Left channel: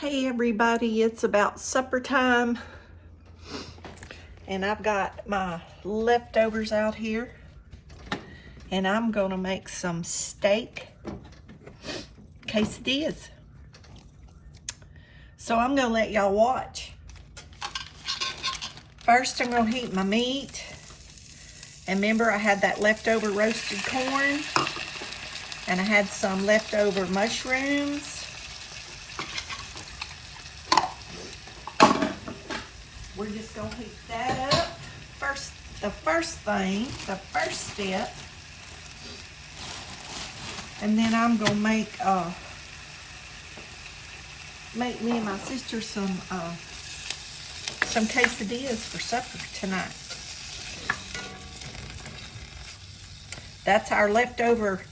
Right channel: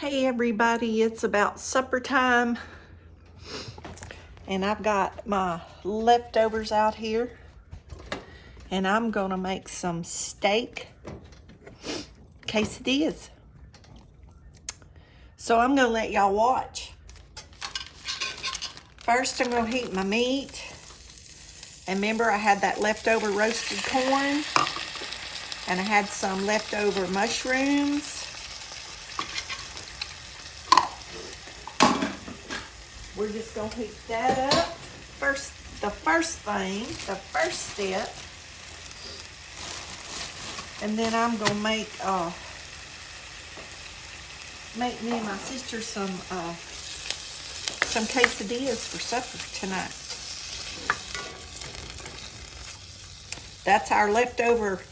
Hey everybody, it's about supper time and I've got my leftovers out here and I'm gonna make some steak quesadillas. So I'm gonna let y'all watch. First I'm gonna heat my meat, and remember I had that leftover roasted corn and I had some leftover mushrooms. We're just gonna heat that up. The first step, and then I'm gonna make me and my sister some quesadillas for supper tonight. That's our leftover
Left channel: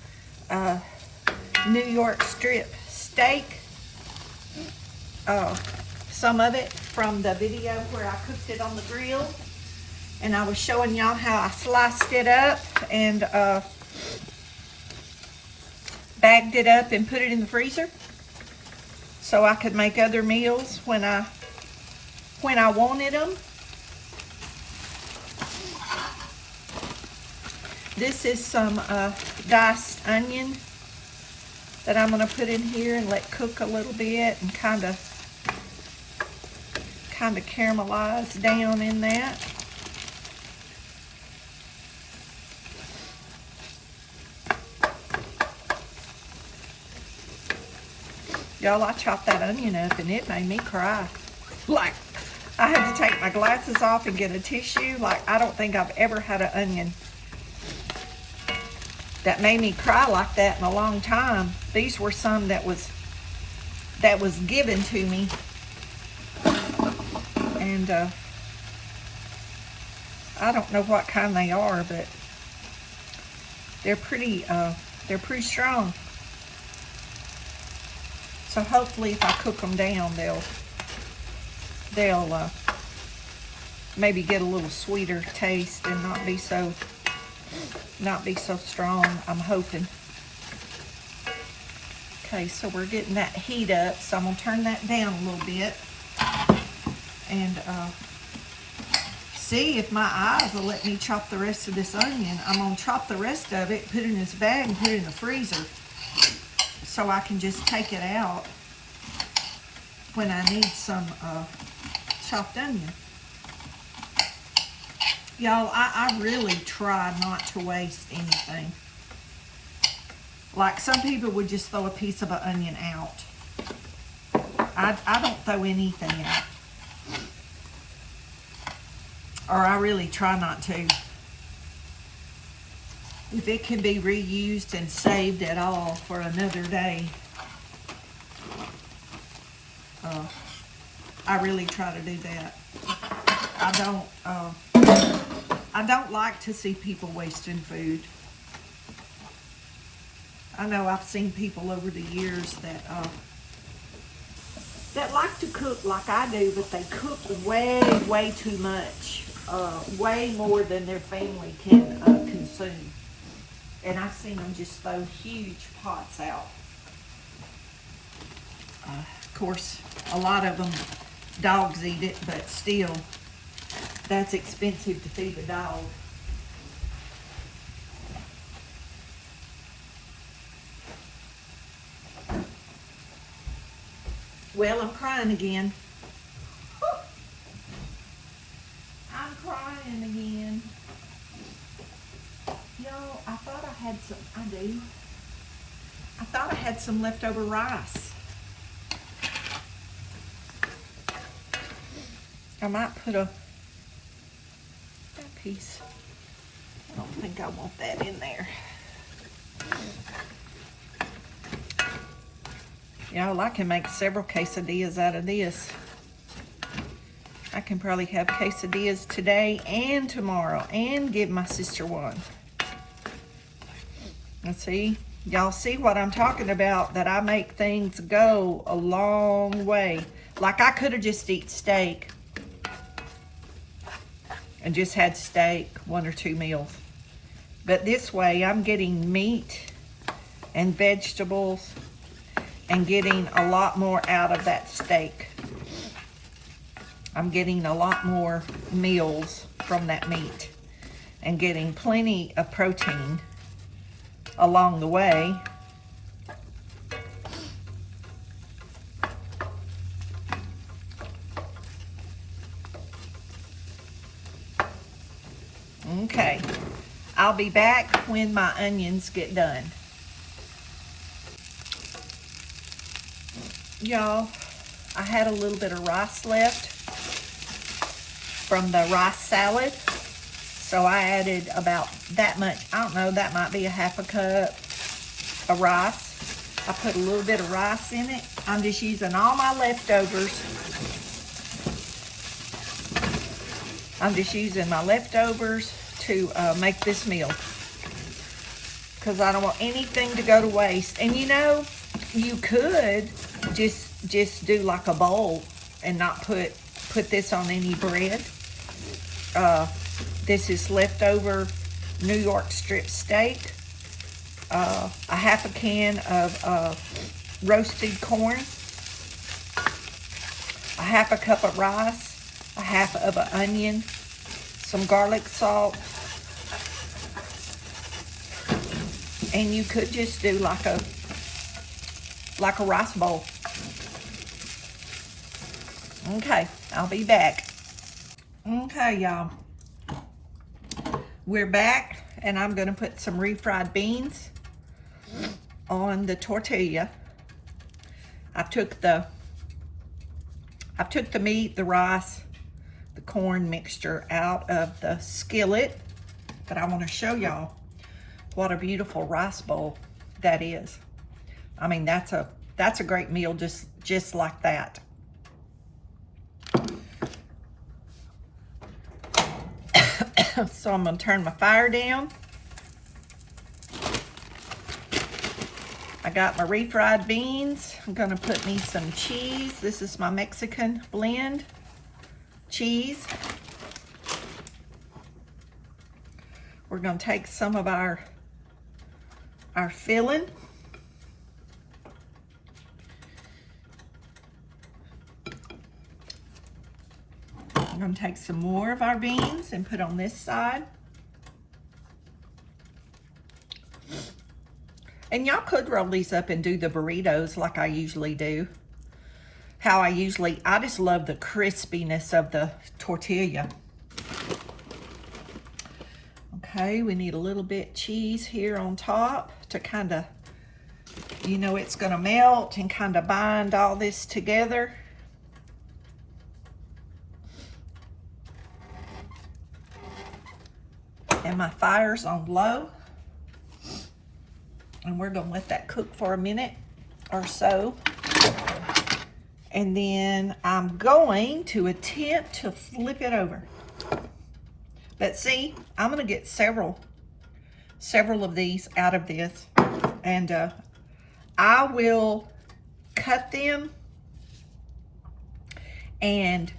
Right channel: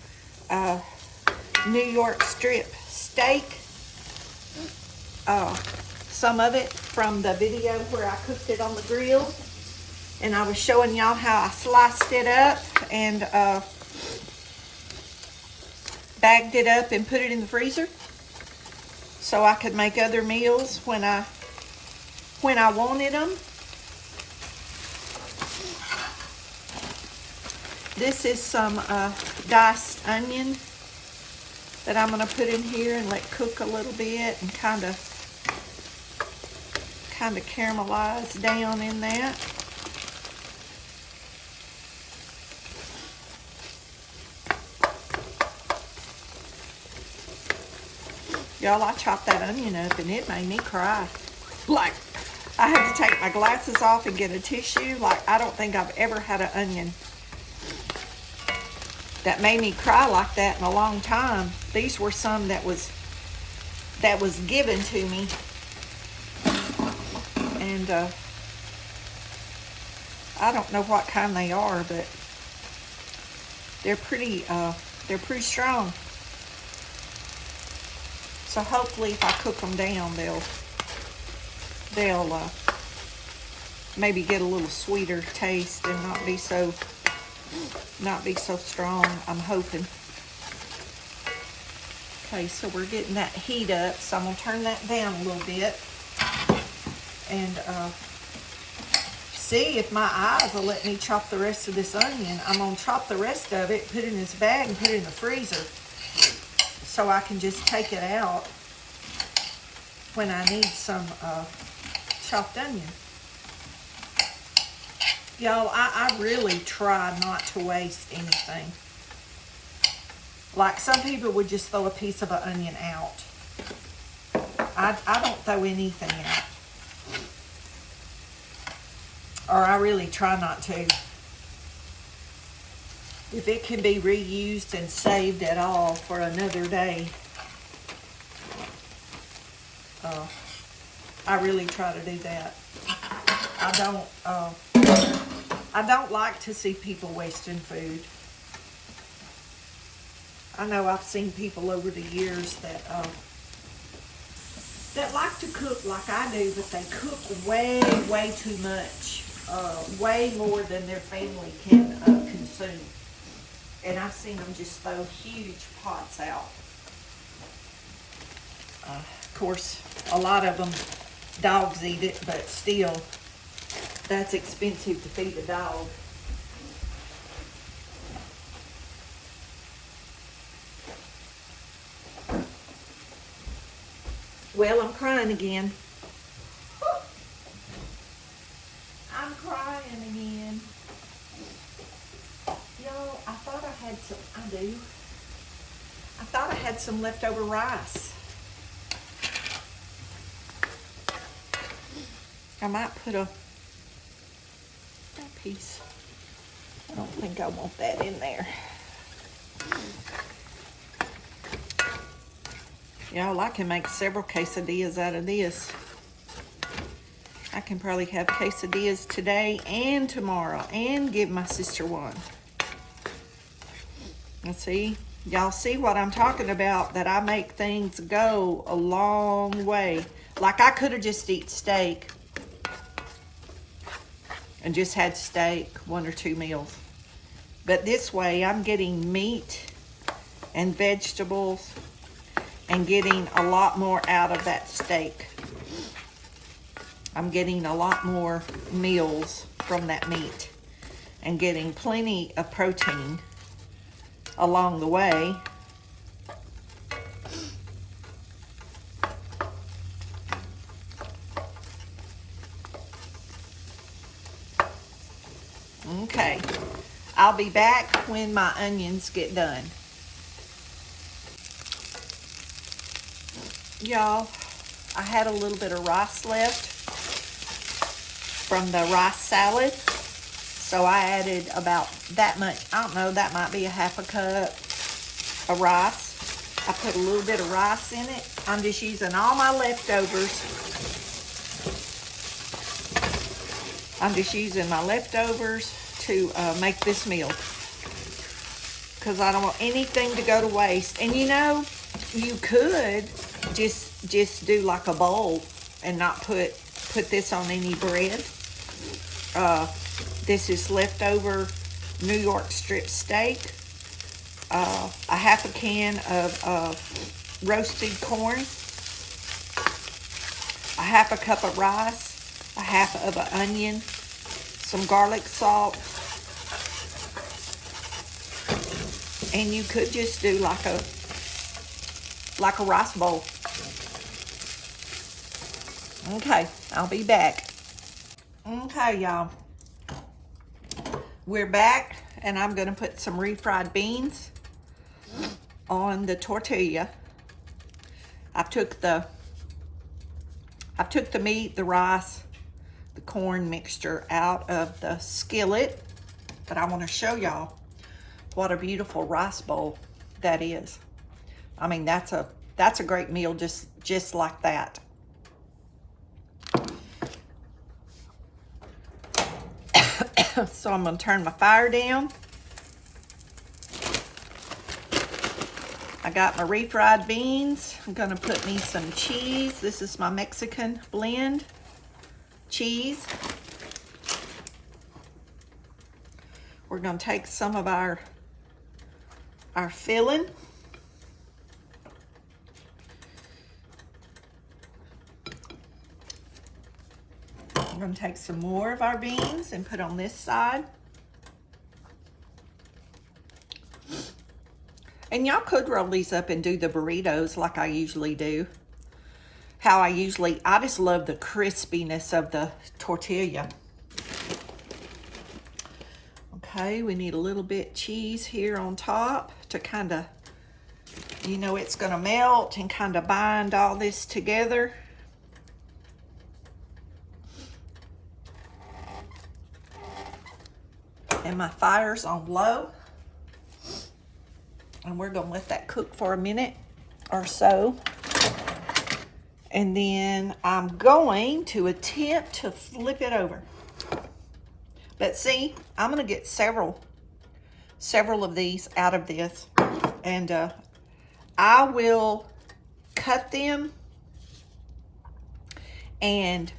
New York strip steak. Some of it from the video where I cooked it on the grill, and I was showing y'all how I sliced it up and bagged it up and put it in the freezer so I could make other meals when I wanted them. This is some diced onion that I'm going to put in here and let cook a little bit and kind of caramelize down in that. Y'all, I chopped that onion up and it made me cry. Like, I had to take my glasses off and get a tissue. Like, I don't think I've ever had an onion that made me cry like that in a long time. These were some that was given to me. And I don't know what kind they are, but they're pretty strong. So hopefully if I cook them down, they'll maybe get a little sweeter taste and not be so strong, I'm hoping. Okay, so we're getting that heat up, so I'm gonna turn that down a little bit and see if my eyes will let me chop the rest of this onion. I'm gonna chop the rest of it, put it in this bag and put it in the freezer so I can just take it out when I need some chopped onion. Y'all, I really try not to waste anything. Like, some people would just throw a piece of an onion out. I don't throw anything out. Or I really try not to. If it can be reused and saved at all for another day, I really try to do that. I don't like to see people wasting food. I know I've seen people over the years that like to cook like I do, but they cook way too much. Way more than their family can consume. And I've seen them just throw huge pots out. Of course, a lot of them, dogs eat it, but still, that's expensive to feed a dog. Well, I'm crying again. I'm crying again. Y'all, I thought I had some leftover rice. I might put that piece. I don't think I want that in there. Y'all, I can make several quesadillas out of this. I can probably have quesadillas today and tomorrow and give my sister one. Let's see. Y'all see what I'm talking about, that I make things go a long way. Like, I could have just eaten steak and just had steak, 1 or 2 meals. But this way, I'm getting meat and vegetables and getting a lot more out of that steak. I'm getting a lot more meals from that meat and getting plenty of protein along the way. Okay, I'll be back when my onions get done. Y'all, I had a little bit of rice left from the rice salad, so I added about that much. I don't know, that might be a half a cup of rice. I put a little bit of rice in it. I'm just using all my leftovers. I'm just using my leftovers to make this meal, because I don't want anything to go to waste. And you know, you could just do like a bowl and not put this on any bread. This is leftover New York strip steak, a half a can of roasted corn, a half a cup of rice, a half of an onion, some garlic salt, and you could just do like a rice bowl. Okay, I'll be back. Okay, y'all. We're back, and I'm gonna put some refried beans on the tortilla. I took the meat, the rice, the corn mixture out of the skillet, but I want to show y'all what a beautiful rice bowl that is. I mean, that's a great meal just like that. So I'm going to turn my fire down. I got my refried beans. I'm going to put me some cheese. This is my Mexican blend cheese. We're going to take some of our filling. I'm going to take some more of our beans and put on this side. And y'all could roll these up and do the burritos like I usually do. I just love the crispiness of the tortilla. Okay, we need a little bit cheese here on top to kind of, you know, it's going to melt and kind of bind all this together. And my fire's on low. And we're going to let that cook for a minute or so. And then I'm going to attempt to flip it over. But see, I'm going to get several of these out of this. And I will cut them. And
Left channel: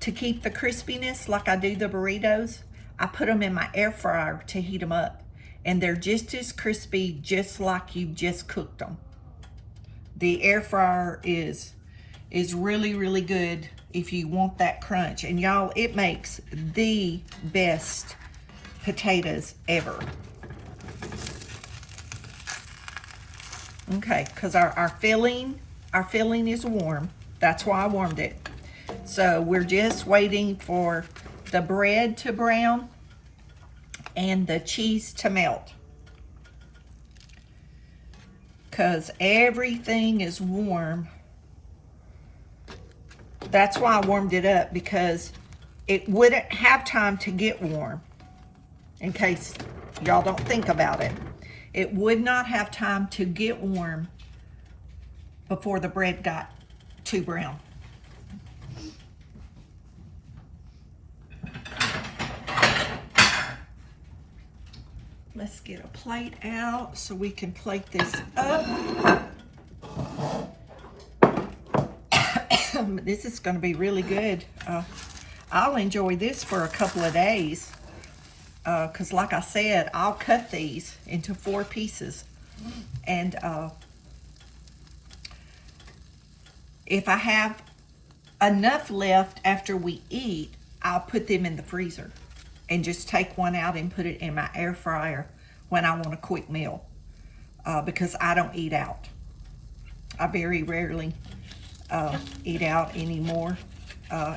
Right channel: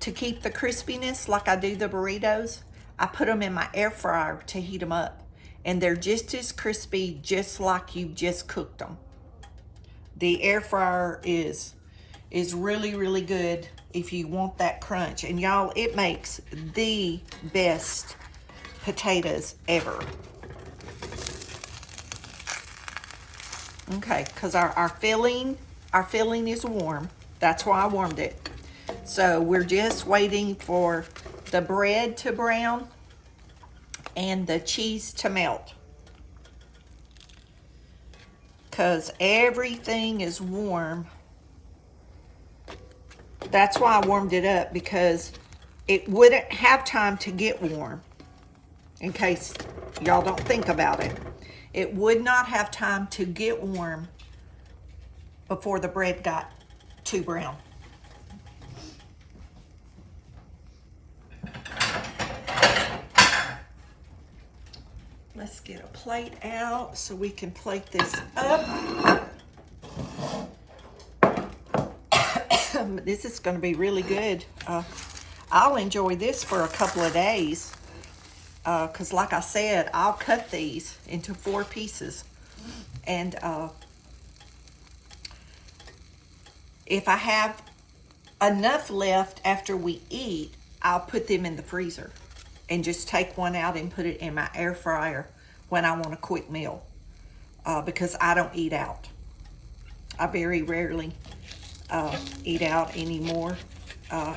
to keep the crispiness like I do the burritos, I put them in my air fryer to heat them up. And they're just as crispy, just like you just cooked them. The air fryer is really, really good if you want that crunch. And y'all, it makes the best potatoes ever. Okay, because our filling is warm. That's why I warmed it. So we're just waiting for the bread to brown and the cheese to melt. Because everything is warm. That's why I warmed it up, because it wouldn't have time to get warm. In case y'all don't think about it. It would not have time to get warm before the bread got too brown. Let's get a plate out so we can plate this up. This is going to be really good. I'll enjoy this for a couple of days. Because like I said, I'll cut these into 4 pieces. And If I have enough left after we eat, I'll put them in the freezer and just take one out and put it in my air fryer when I want a quick meal, because I don't eat out. I very rarely eat out anymore.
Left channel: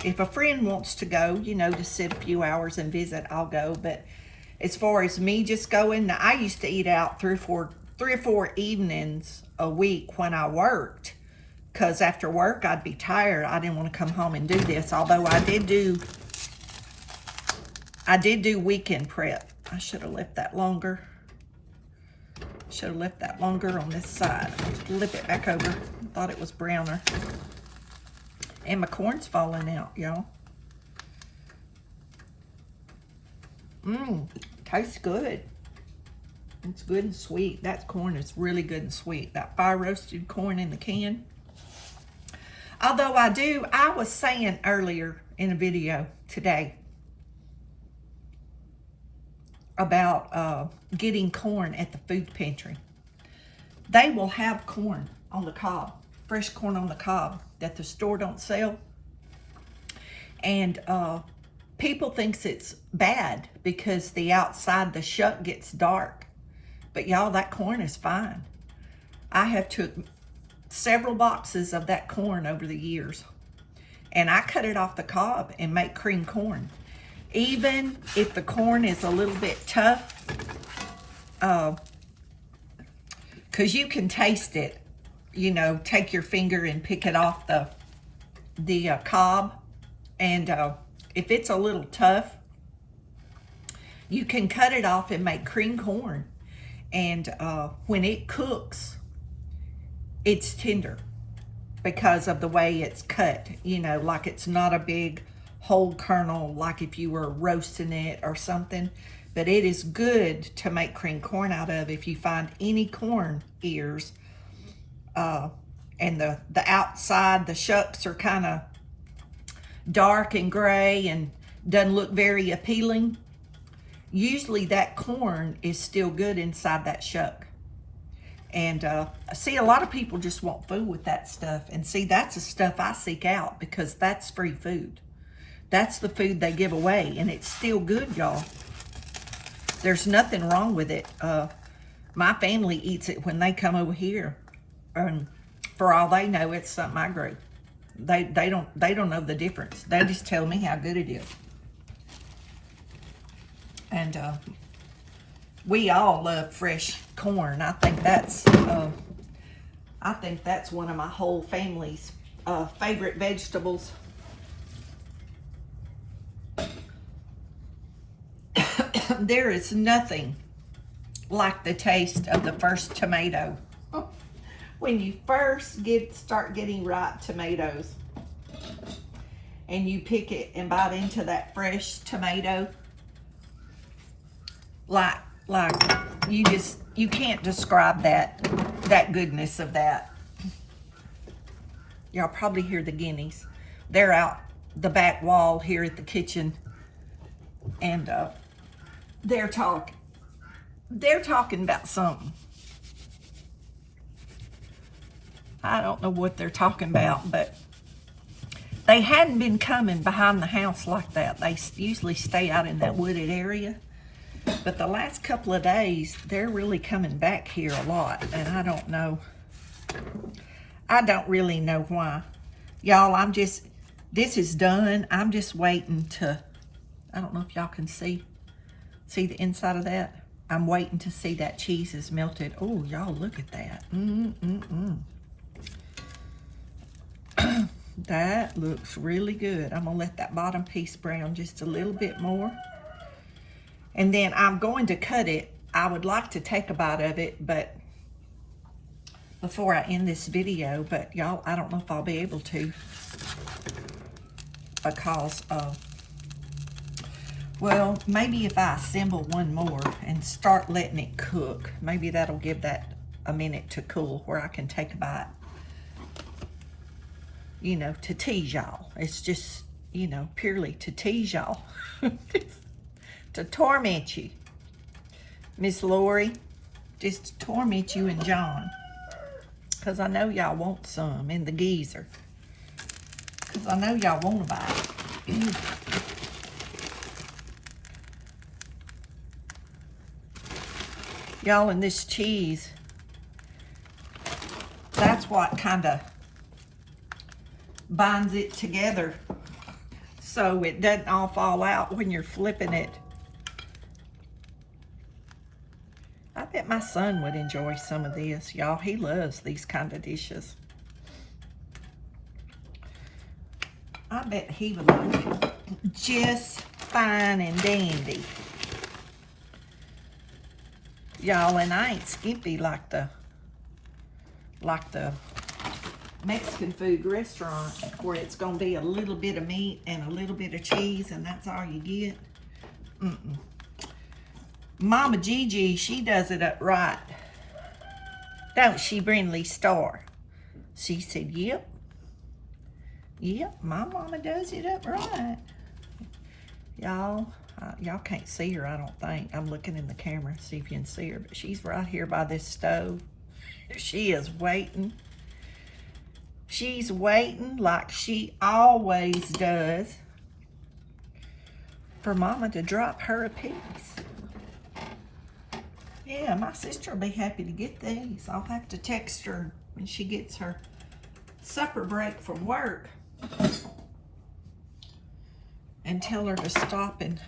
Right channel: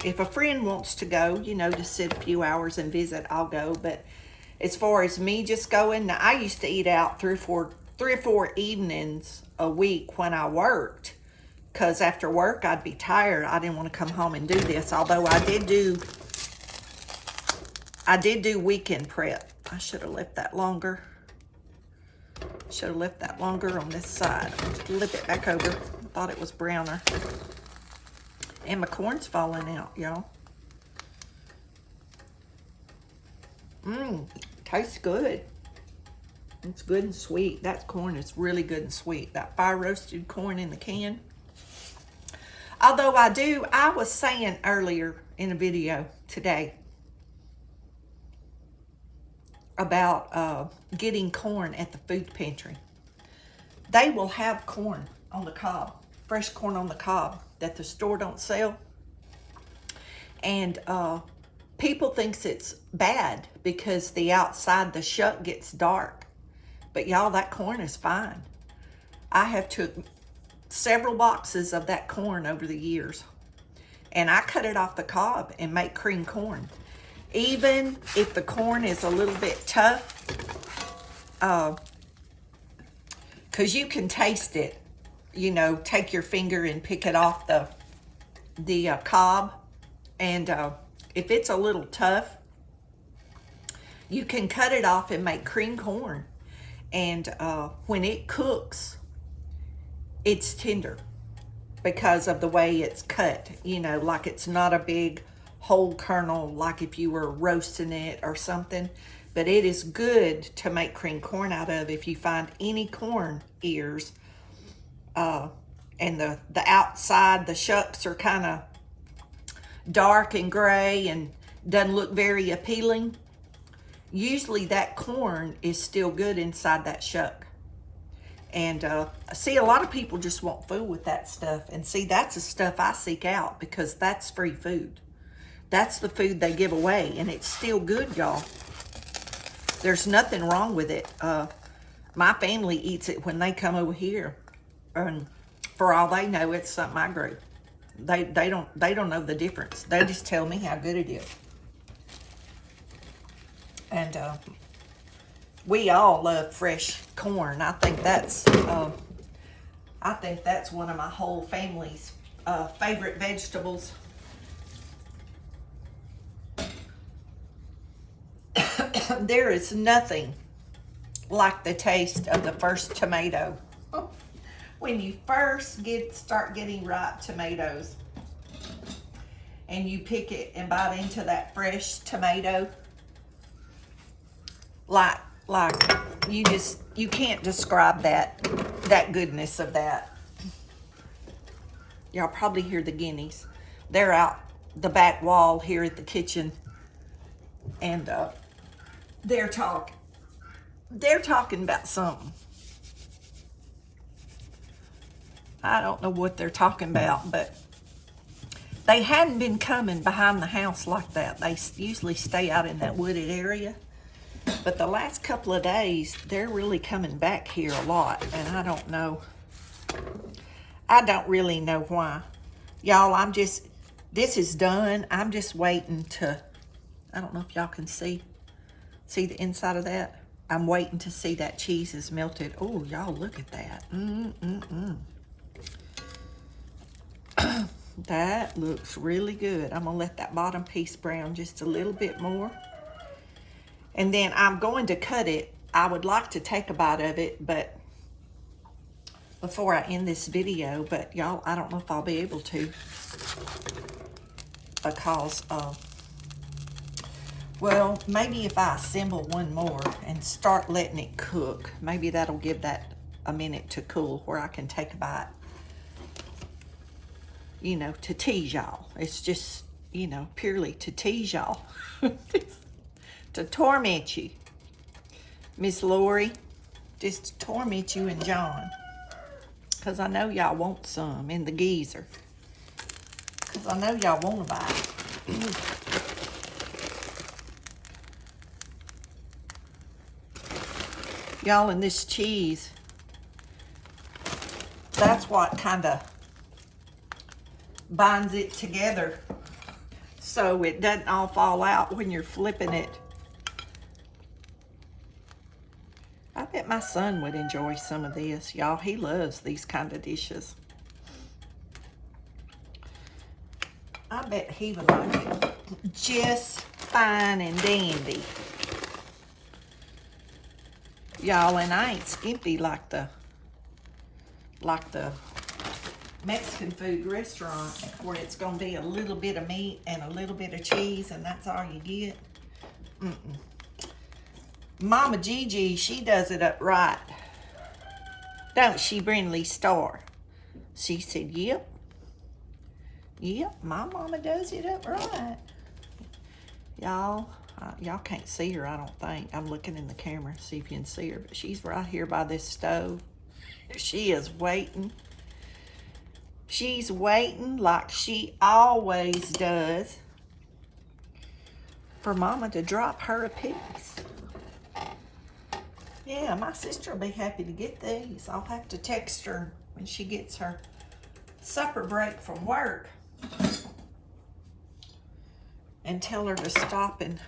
If a friend wants to go, you know, to sit a few hours and visit, I'll go. But as far as me just going, now, I used to eat out three or four evenings a week when I worked, because after work I'd be tired. I didn't want to come home and do this, although I did do weekend prep. I should have left that longer. Should have left that longer on this side. Flip it back over. Thought it was browner. And my corn's falling out, y'all. Tastes good. It's good and sweet. That corn is really good and sweet. That fire roasted corn in the can. Although I was saying earlier in a video today about getting corn at the food pantry. They will have corn on the cob, fresh corn on the cob that the store don't sell. And people thinks it's bad because the outside, the shuck gets dark. But y'all, that corn is fine. I have took several boxes of that corn over the years, and I cut it off the cob and make cream corn. Even if the corn is a little bit tough, because you can taste it, you know, take your finger and pick it off the cob, and if it's a little tough, you can cut it off and make cream corn. And when it cooks, it's tender because of the way it's cut, you know, like it's not a big whole kernel like if you were roasting it or something. But it is good to make cream corn out of if you find any corn ears, and the outside, the shucks are kind of dark and gray and doesn't look very appealing. Usually that corn is still good inside that shuck. And see, a lot of people just want food with that stuff. And see, that's the stuff I seek out because that's free food. That's the food they give away, and it's still good, y'all. There's nothing wrong with it. My family eats it when they come over here. And for all they know, it's something I grew. They don't know the difference. They just tell me how good it is. And we all love fresh corn. I think that's one of my whole family's favorite vegetables. There is nothing like the taste of the first tomato. When you first start getting ripe tomatoes and you pick it and bite into that fresh tomato, like you can't describe that goodness of that. Y'all probably hear the guineas. They're out the back wall here at the kitchen, and they're talking about something. I don't know what they're talking about, but they hadn't been coming behind the house like that. They usually stay out in that wooded area. But the last couple of days, they're really coming back here a lot, and I don't know. I don't really know why. Y'all, this is done. I'm just waiting to, I don't know if y'all can see the inside of that. I'm waiting to see that cheese is melted. Oh, y'all, look at that. That looks really good. I'm gonna let that bottom piece brown just a little bit more. And then I'm going to cut it. I would like to take a bite of it, but before I end this video, but y'all, I don't know if I'll be able to, because well, maybe if I assemble one more and start letting it cook, maybe that'll give that a minute to cool where I can take a bite, you know, to tease y'all. It's just, you know, purely to tease y'all. To torment you, Miss Lori, just to torment you and John, because I know y'all want some in the geezer. because I know y'all want to buy it. Y'all, and this cheese, that's what kind of binds it together so it doesn't all fall out when you're flipping it. I bet my son would enjoy some of this, y'all. He loves these kind of dishes. I bet he would like it. Just fine and dandy. Y'all, and I ain't skimpy like the Mexican food restaurant where it's gonna be a little bit of meat and a little bit of cheese and that's all you get. Mama Gigi, she does it up right. Don't she, Brindley Star? She said, yep. Yep, my mama does it up right. Y'all can't see her, I don't think. I'm looking in the camera to see if you can see her, but she's right here by this stove. She is waiting. She's waiting like she always does for Mama to drop her a piece. Yeah, my sister will be happy to get these. I'll have to text her when she gets her supper break from work and tell her to stop and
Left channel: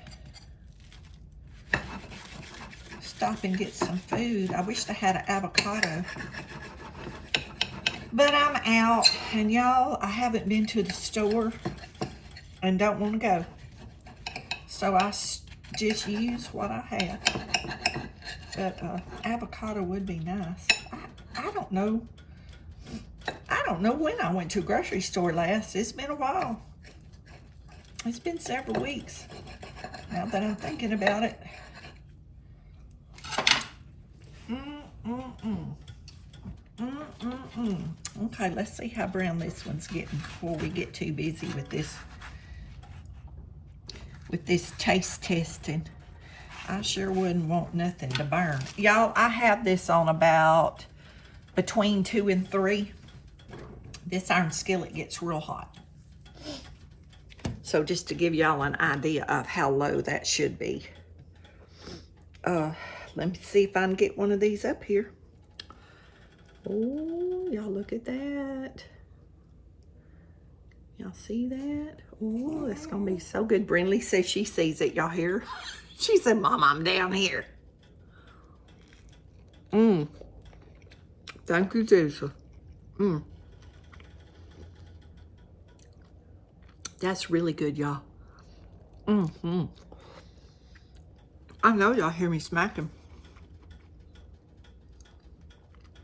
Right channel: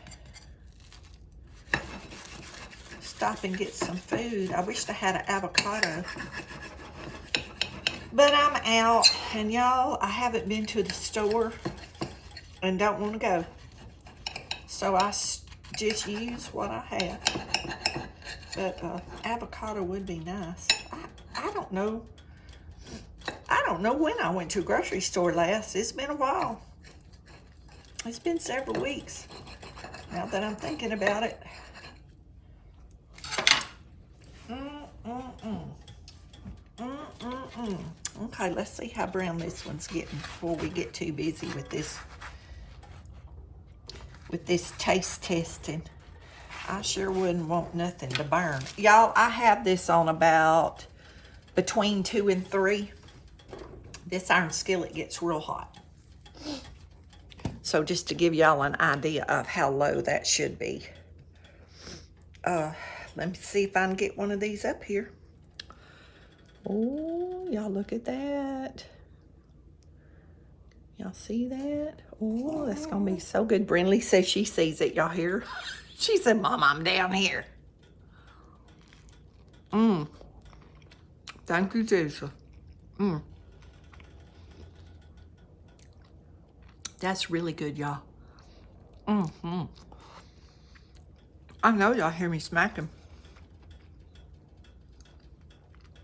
get some food. I wish I had an avocado. But I'm out, and y'all, I haven't been to the store and don't want to go. So I just use what I have. But avocado would be nice. I don't know. I don't know when I went to a grocery store last. It's been a while. It's been several weeks now that I'm thinking about it. Okay, let's see how brown this one's getting before we get too busy with this taste testing. I sure wouldn't want nothing to burn. Y'all, I have this on about between 2 and 3. This iron skillet gets real hot. So just to give y'all an idea of how low that should be. Let me see if I can get one of these up here. Oh, y'all look at that. Y'all see that? Oh, that's gonna be so good. Brindley says she sees it, y'all hear? She said, Mom, I'm down here. Thank you, Jesus. That's really good, y'all. I know y'all hear me smacking.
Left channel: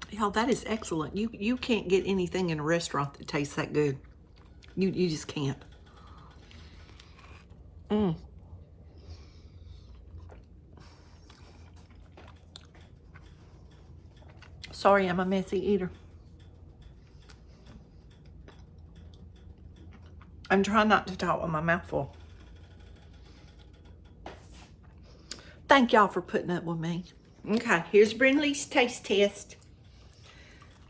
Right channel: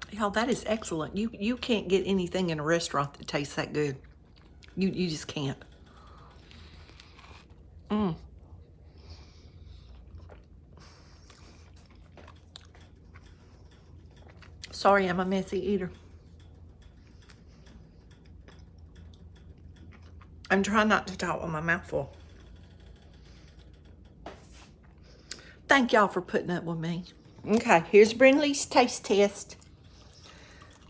Y'all, that is excellent. You can't get anything in a restaurant that tastes that good. You just can't. Sorry, I'm a messy eater. I'm trying not to talk with my mouth full. Thank y'all for putting up with me. Okay, here's Brindley's taste test.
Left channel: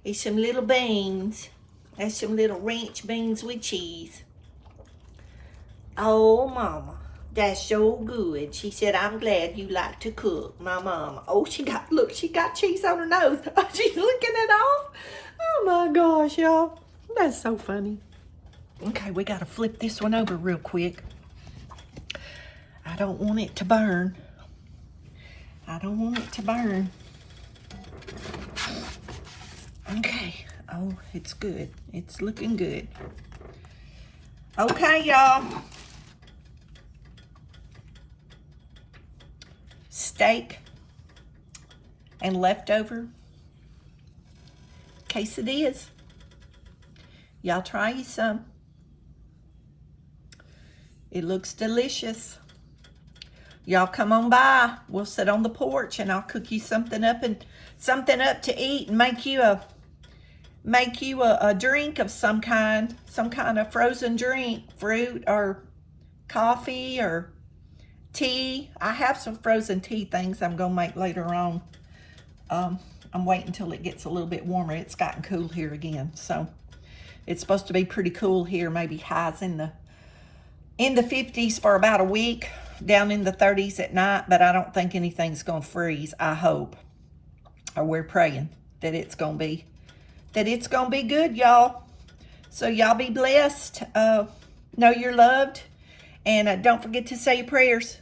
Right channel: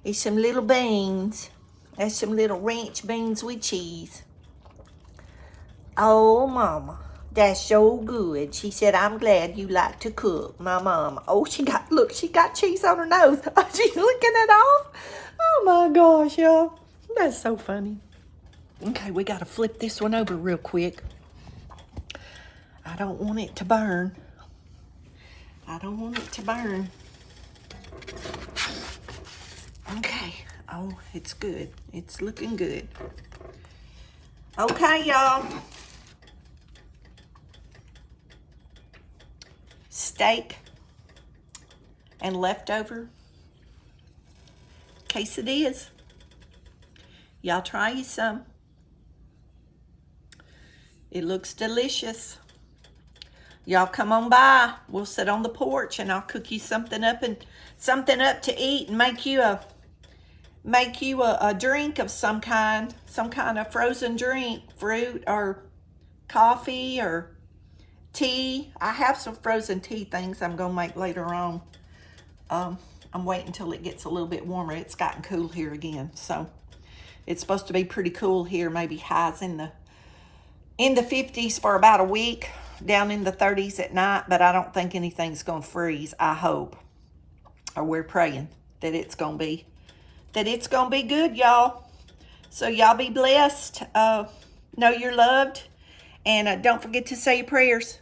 It's some little beans. That's some little ranch beans with cheese. Oh, Mama, that's so good. She said, I'm glad you like to cook, my mama. Oh, she got cheese on her nose. She's licking it off. Oh, my gosh, y'all. That's so funny. Okay, we got to flip this one over real quick. I don't want it to burn. I don't want it to burn. Okay. Oh, it's good. It's looking good. Okay, y'all. Steak and leftover quesadillas. Y'all try you some. It looks delicious. Y'all come on by. We'll sit on the porch and I'll cook you something up to eat and make you a drink of some kind of frozen drink, fruit or coffee or tea. I have some frozen tea things I'm gonna make later on. I'm waiting until it gets a little bit warmer. It's gotten cool here again. So It's supposed to be pretty cool here, maybe highs in the 50s for about a week, down in the 30s at night, but I don't think anything's going to freeze. I hope, or we're praying that it's going to be good, y'all. So y'all be blessed. Know you're loved, and don't forget to say your prayers.